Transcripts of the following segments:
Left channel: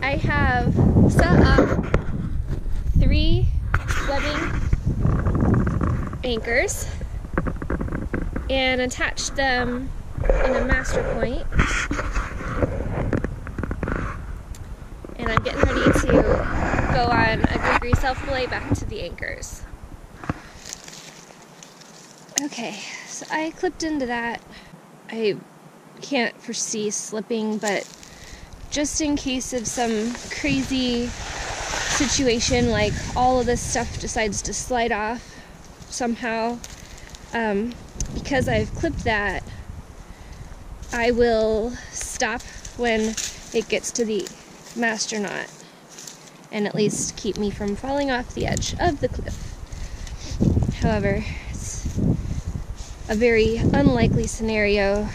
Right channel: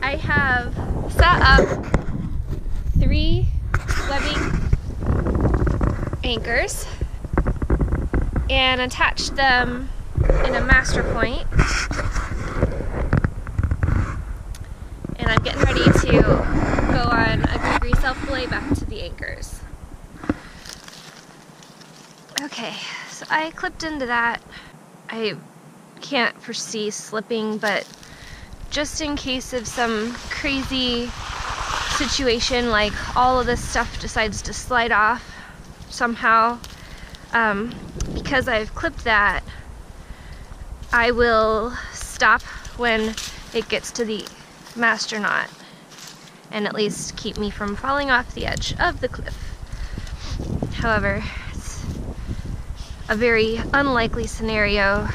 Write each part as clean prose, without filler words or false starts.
I have set up 3 webbing anchors and attached them in a master point. And I'm getting ready to go on a GriGri self-belay back to the anchors. Okay, so I clipped into that. I can't foresee slipping, but just in case of some crazy situation, like all of this stuff decides to slide off somehow, because I've clipped that, I will stop when it gets to the master knot and at least keep me from falling off the edge of the cliff. However, it's a very unlikely scenario.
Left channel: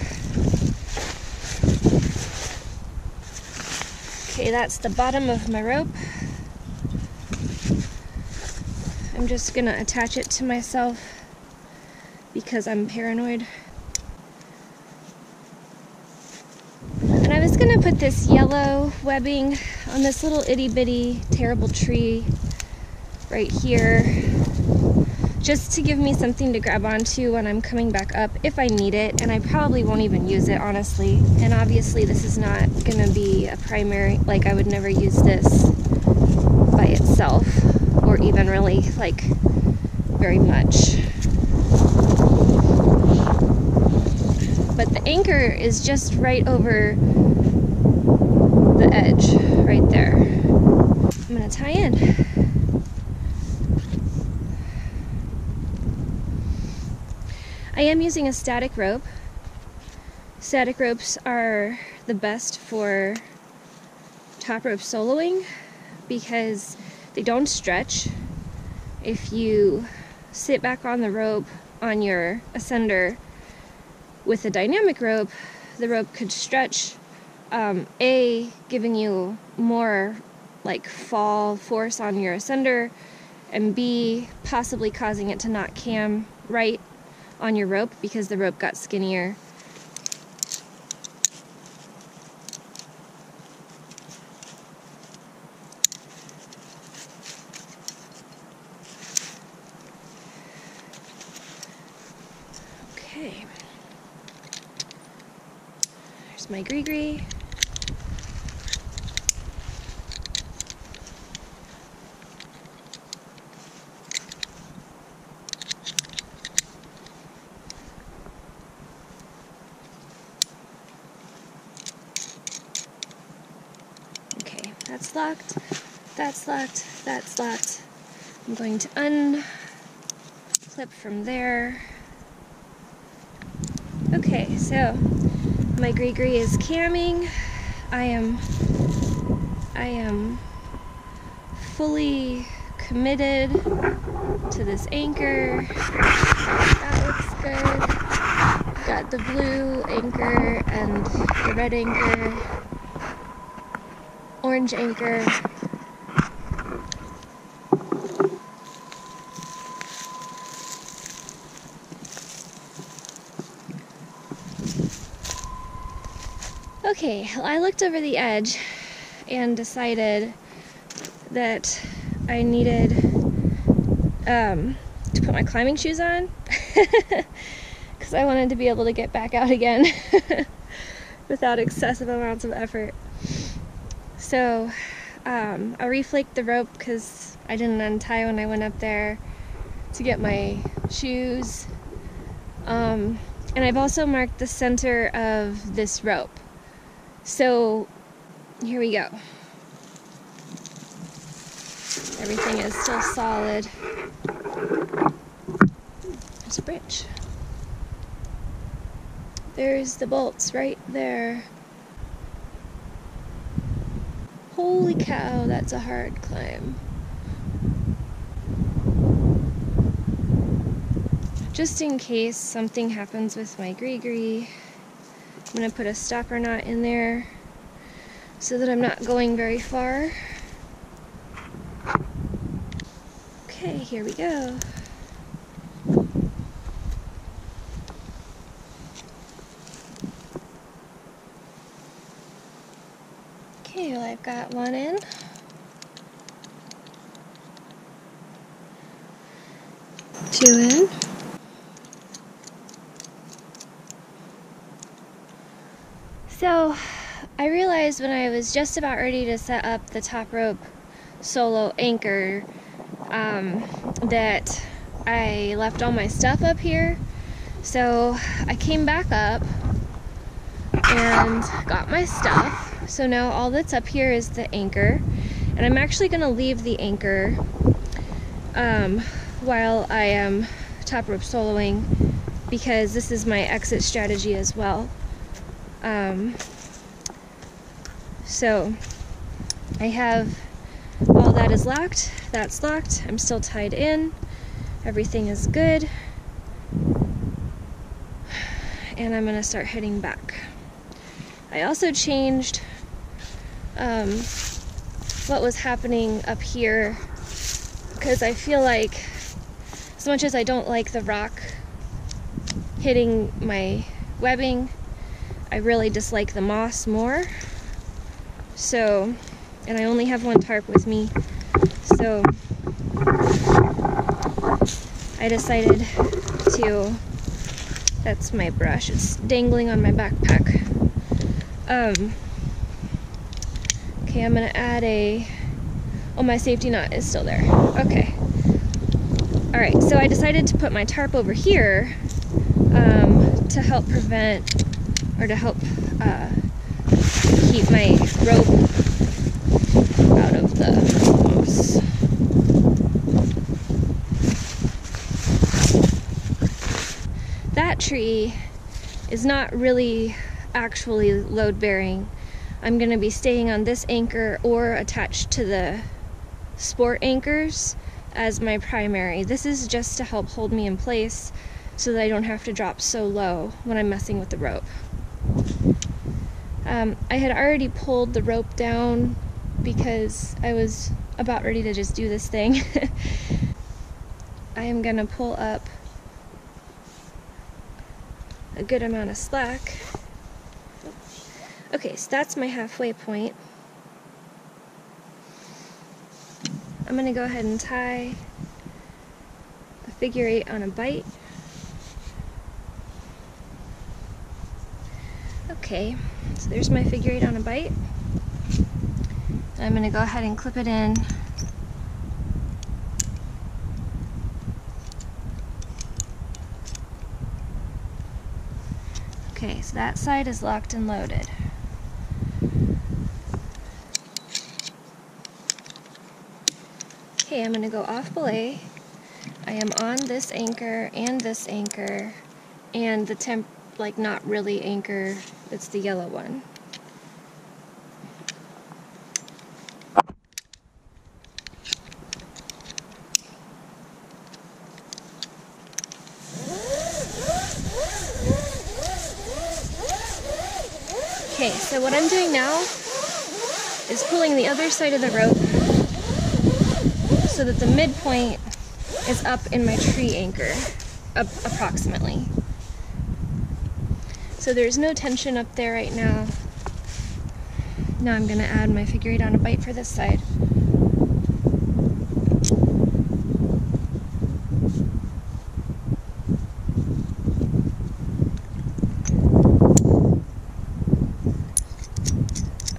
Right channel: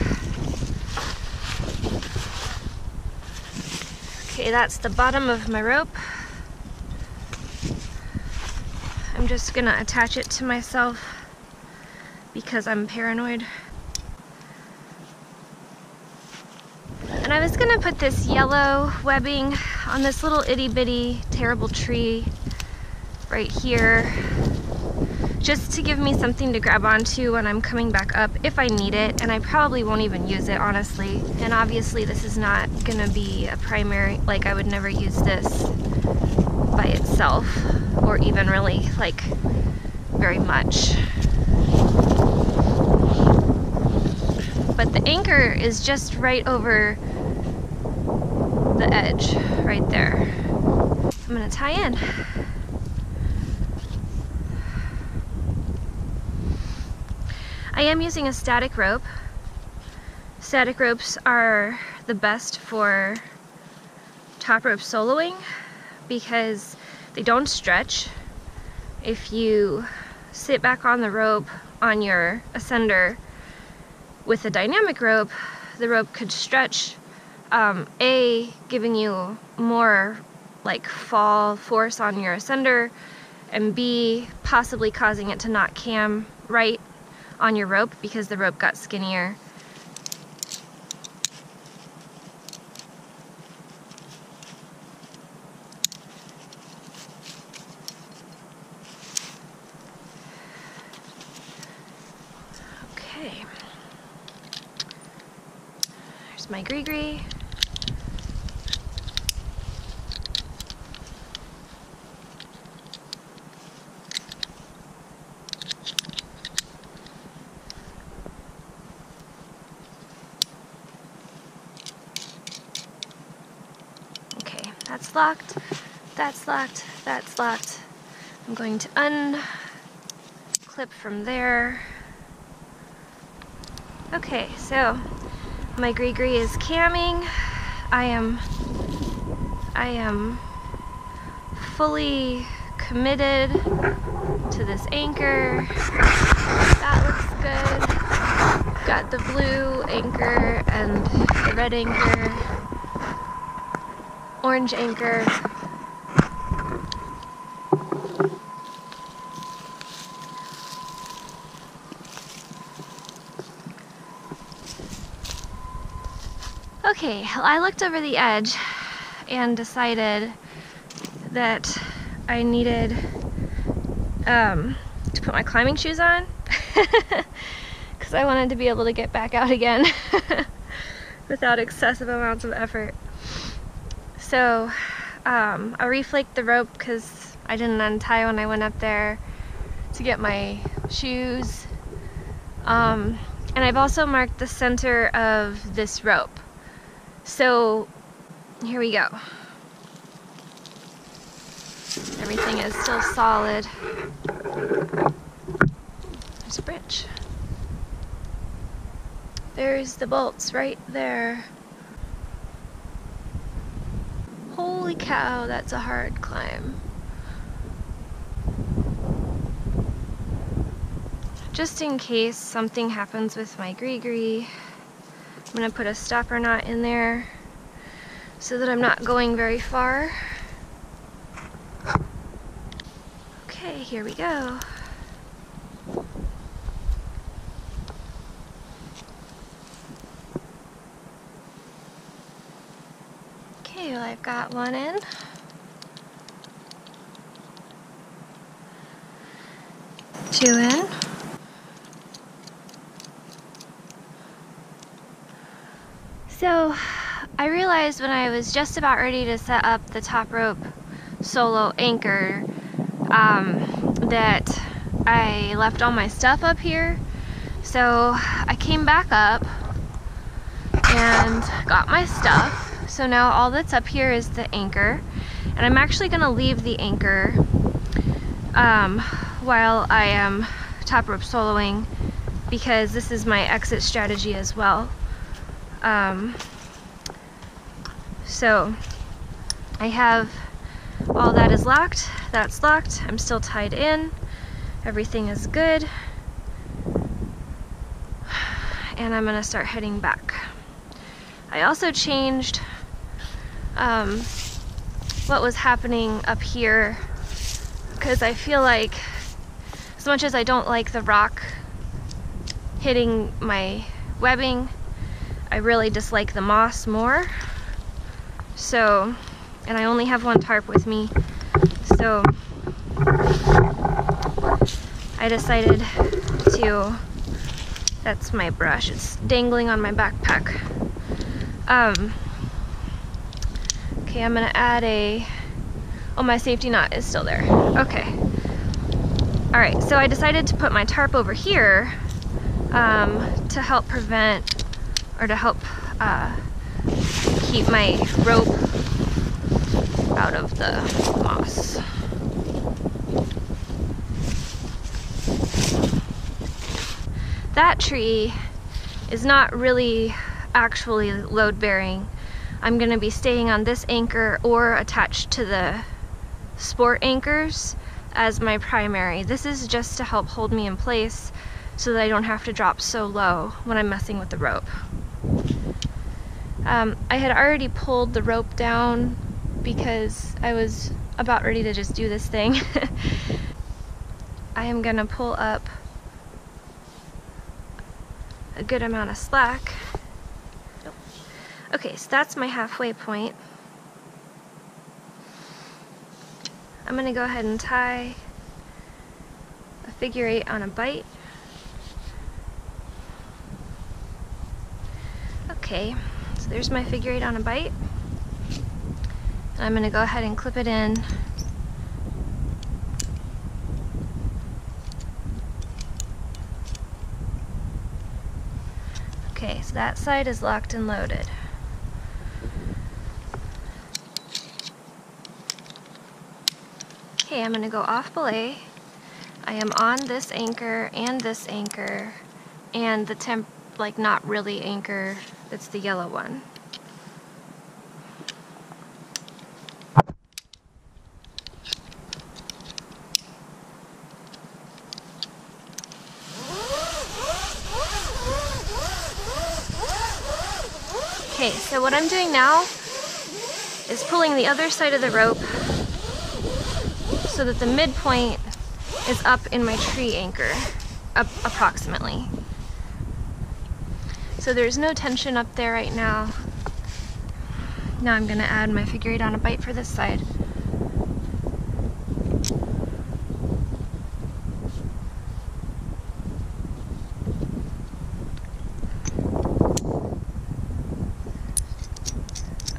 Okay, that's the bottom of my rope. I'm just gonna attach it to myself because I'm paranoid. And I was gonna put this yellow webbing on this little itty bitty terrible tree right here, just to give me something to grab onto when I'm coming back up if I need it, and I probably won't even use it, honestly. And obviously this is not gonna be a primary, like I would never use this by itself, or even really like very much. But the anchor is just right over the edge, right there. I'm gonna tie in. I am using a static rope. Static ropes are the best for top rope soloing because they don't stretch. If you sit back on the rope on your ascender with a dynamic rope, the rope could stretch, A, giving you more like fall force on your ascender, and B, possibly causing it to not cam right on your rope because the rope got skinnier. Okay. There's my GriGri. That's locked, that's locked, that's locked. I'm going to unclip from there. Okay, so my GriGri is camming. I am fully committed to this anchor. That looks good. Got the blue anchor and the red anchor. Orange anchor. Okay, I looked over the edge and decided that I needed to put my climbing shoes on because I wanted to be able to get back out again without excessive amounts of effort. So I reflaked the rope because I didn't untie when I went up there to get my shoes. And I've also marked the center of this rope. So here we go. Everything is still solid. There's a branch. There's the bolts right there. Holy cow, that's a hard climb. Just in case something happens with my GriGri, I'm gonna put a stopper knot in there so that I'm not going very far. Okay, here we go. Okay, well, I've got one in. Two in. So I realized when I was just about ready to set up the top rope solo anchor that I left all my stuff up here. So I came back up and got my stuff. So now all that's up here is the anchor, and I'm actually gonna leave the anchor while I am top rope soloing, because this is my exit strategy as well. So I have all that is locked, that's locked, I'm still tied in, everything is good, and I'm gonna start heading back. I also changed what was happening up here, because I feel like, as much as I don't like the rock hitting my webbing, I really dislike the moss more. So, and I only have one tarp with me, so I decided to, that's my brush, it's dangling on my backpack. Okay, I'm gonna add oh, my safety knot is still there. Okay. All right, so I decided to put my tarp over here to help prevent, or to help keep my rope out of the moss. That tree is not really actually load bearing. I'm gonna be staying on this anchor or attached to the sport anchors as my primary. This is just to help hold me in place so that I don't have to drop so low when I'm messing with the rope. I had already pulled the rope down because I was about ready to just do this thing. I am gonna pull up a good amount of slack. Nope. Okay, so that's my halfway point. I'm gonna go ahead and tie a figure 8 on a bight. Okay, so there's my figure 8 on a bight. And I'm gonna go ahead and clip it in. Okay, so that side is locked and loaded. Okay, I'm gonna go off belay. I am on this anchor and the like not really anchor, it's the yellow one. Okay, so what I'm doing now is pulling the other side of the rope so that the midpoint is up in my tree anchor, approximately. So there's no tension up there right now. Now I'm gonna add my figure 8 on a bight for this side.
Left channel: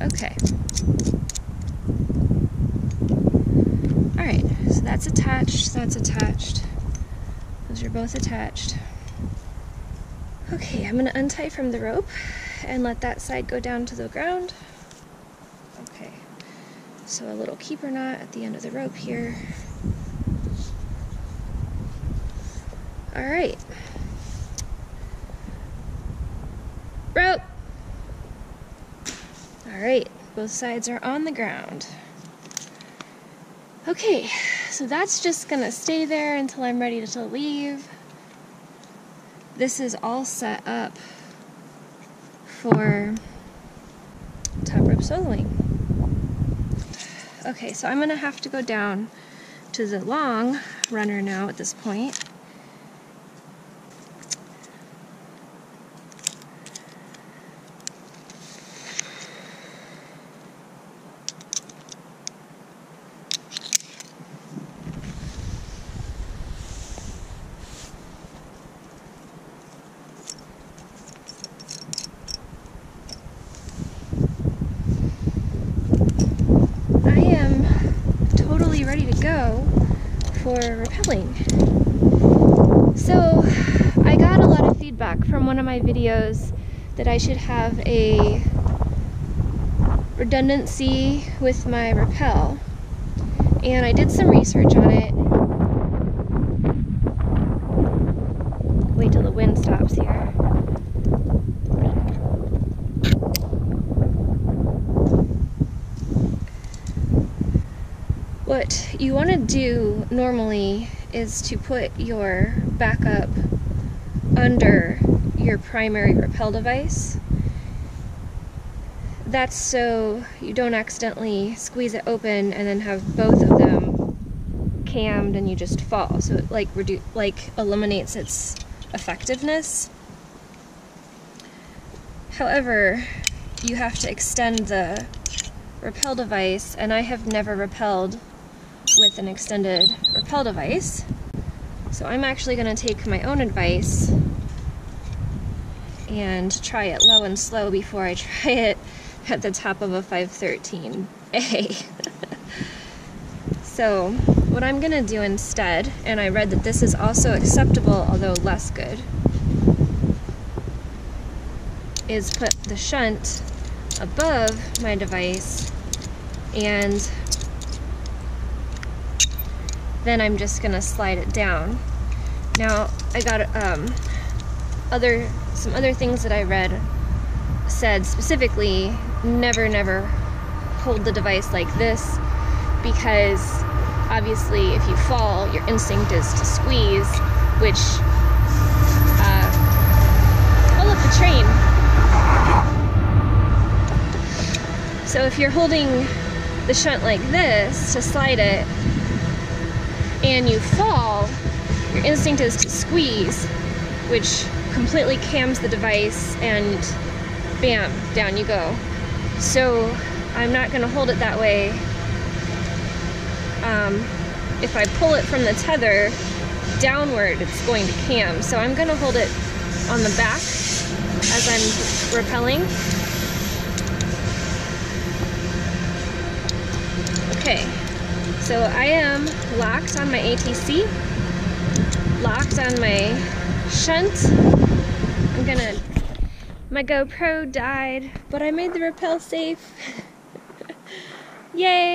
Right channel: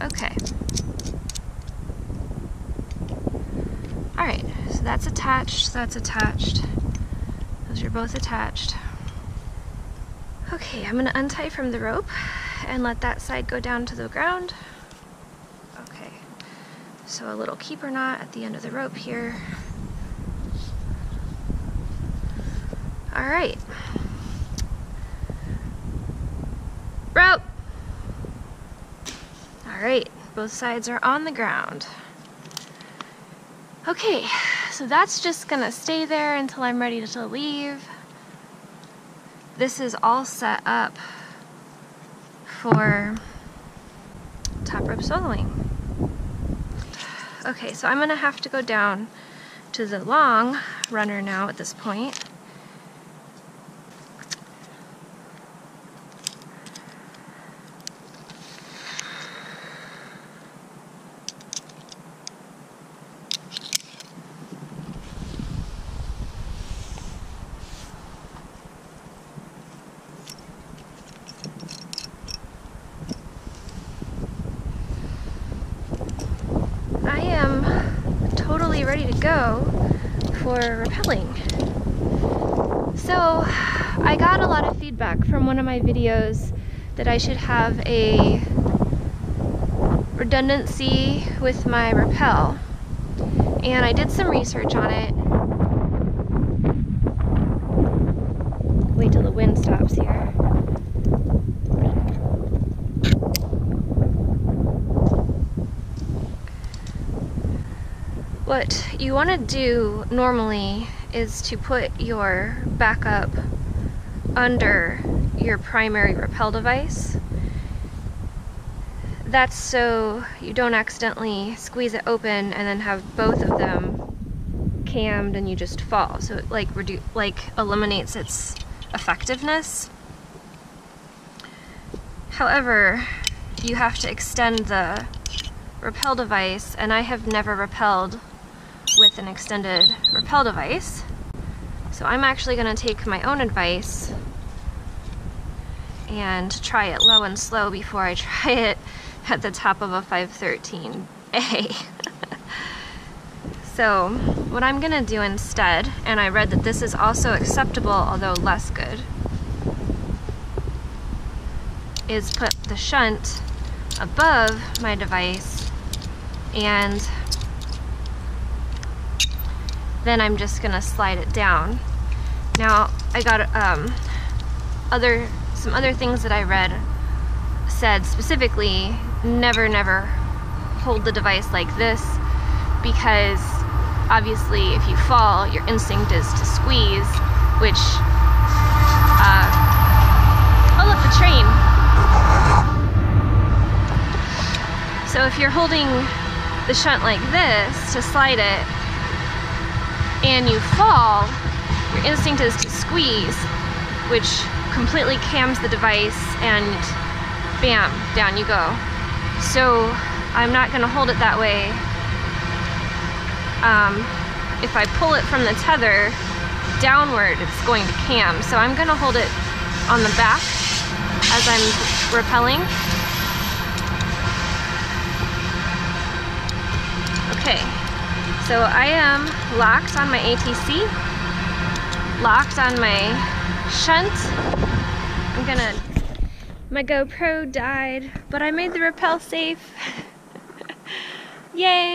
Okay. All right, so that's attached, that's attached. Those are both attached. Okay, I'm gonna untie from the rope and let that side go down to the ground. Okay, so a little keeper knot at the end of the rope here. All right. Rope! All right, both sides are on the ground. Okay, so that's just gonna stay there until I'm ready to leave. This is all set up for top rope soloing. Okay, so I'm gonna have to go down to the long runner now at this point. be ready to go for rappelling. So I got a lot of feedback from one of my videos that I should have a redundancy with my rappel, and I did some research on it. Wait till the wind stops here. What you want to do normally is to put your backup under your primary rappel device. That's so you don't accidentally squeeze it open and then have both of them cammed and you just fall. So it like eliminates its effectiveness. However, you have to extend the rappel device, and I have never rappelled with an extended rappel device. So I'm actually going to take my own advice and try it low and slow before I try it at the top of a 513A. So what I'm going to do instead, and I read that this is also acceptable although less good, is put the shunt above my device, and then I'm just gonna slide it down. Now I got some other things that I read said specifically never hold the device like this, because obviously if you fall, your instinct is to squeeze, which oh look, the train. So if you're holding the shunt like this to slide it and you fall, your instinct is to squeeze, which completely cams the device, and bam, down you go. So I'm not going to hold it that way. If I pull it from the tether downward, it's going to cam. So I'm going to hold it on the back as I'm rappelling. Okay, so I am locked on my ATC, locked on my shunt. My GoPro died, but I made the rappel safe. Yay!